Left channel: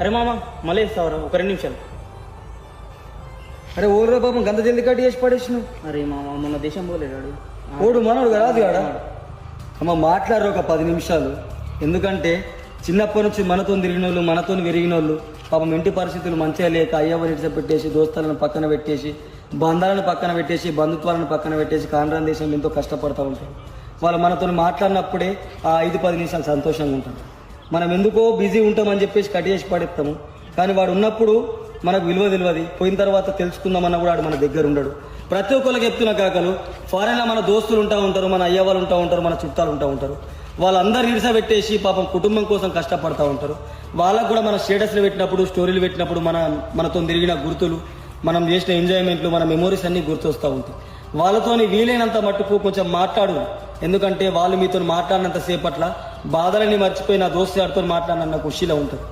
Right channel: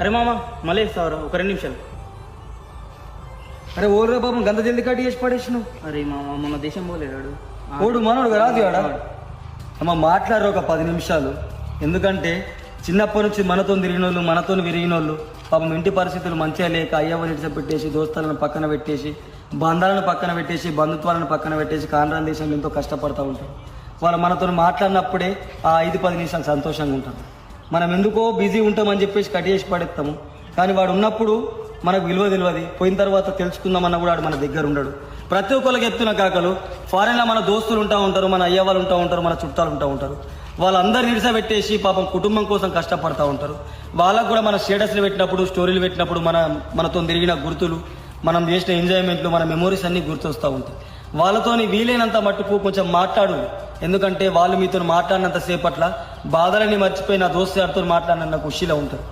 అరే మామ మళ్ళీ ఇస్తావరా ఒక 2 నిమిషాలు. అరే ఓడరా పాపం గంత జల్ది కట్టి చేసి పడేసి నువ్వు. అరే మామ మన దేశం పోలేడు. ఓడు మనోడు కాదు ఆడ. అమ్మ మాట్లాడరు ఒక 10 నిమిషాలు. ఎందుకంటే చిన్నప్పటి నుంచి మనతో తిరిగిన వాళ్ళు, మనతో విరిగిన వాళ్ళు పాపం ఇంటి పరిస్థితులు మంచిగా లేక అయ్యవని పెట్టేసి, దోస్తాలను పక్కన పెట్టేసి, బంధాలను పక్కన పెట్టేసి, బంధుత్వాలను పక్కన పెట్టేసి కాండ్రాన్ దేశంలో ఎంతో కష్టపడుతూ ఉంటారు. వాళ్ళు మనతో మాట్లాడినప్పుడే ఆ 5-10 నిమిషాలు సంతోషంగా ఉంటారు. మనం ఎందుకో బిజీ ఉంటామని చెప్పేసి కట్ చేసి పడేస్తాము. కానీ వాడు ఉన్నప్పుడు మనకు విలువ తెలియదు. పోయిన తర్వాత తెలుసుకుందామన్నా కూడా వాడు మన దగ్గర ఉండడు. ప్రతి ఒక్కరికి చెప్తున్న కాకలు ఫారెన్లో మన దోస్తులు ఉంటా ఉంటారు, మన అయ్య వాళ్ళు ఉంటా ఉంటారు, మన చుట్టాలు ఉంటా ఉంటారు. వాళ్ళందరూ ఇడిసబెట్టేసి పాపం కుటుంబం కోసం కష్టపడతా ఉంటారు. వాళ్ళకు కూడా మన స్టేటస్లు పెట్టినప్పుడు, స్టోరీలు పెట్టినప్పుడు మనతో తిరిగిన గుర్తులు, మనం చేసిన ఎంజాయ్మెంట్లు, మన మెమోరీస్ అన్ని గుర్తొస్తూ ఉంటాయి. వాళ్ళతోని వీలైనంత మట్టుకు కొంచెం మాట్లాడు. ఎందుకంటే వాళ్ళు మీతో మాట్లాడినంత సేపట్ల బాధలని మర్చిపోయి నా దోస్తు గారితో మాట్లాడినంత ఖుషీలో ఉంటారు.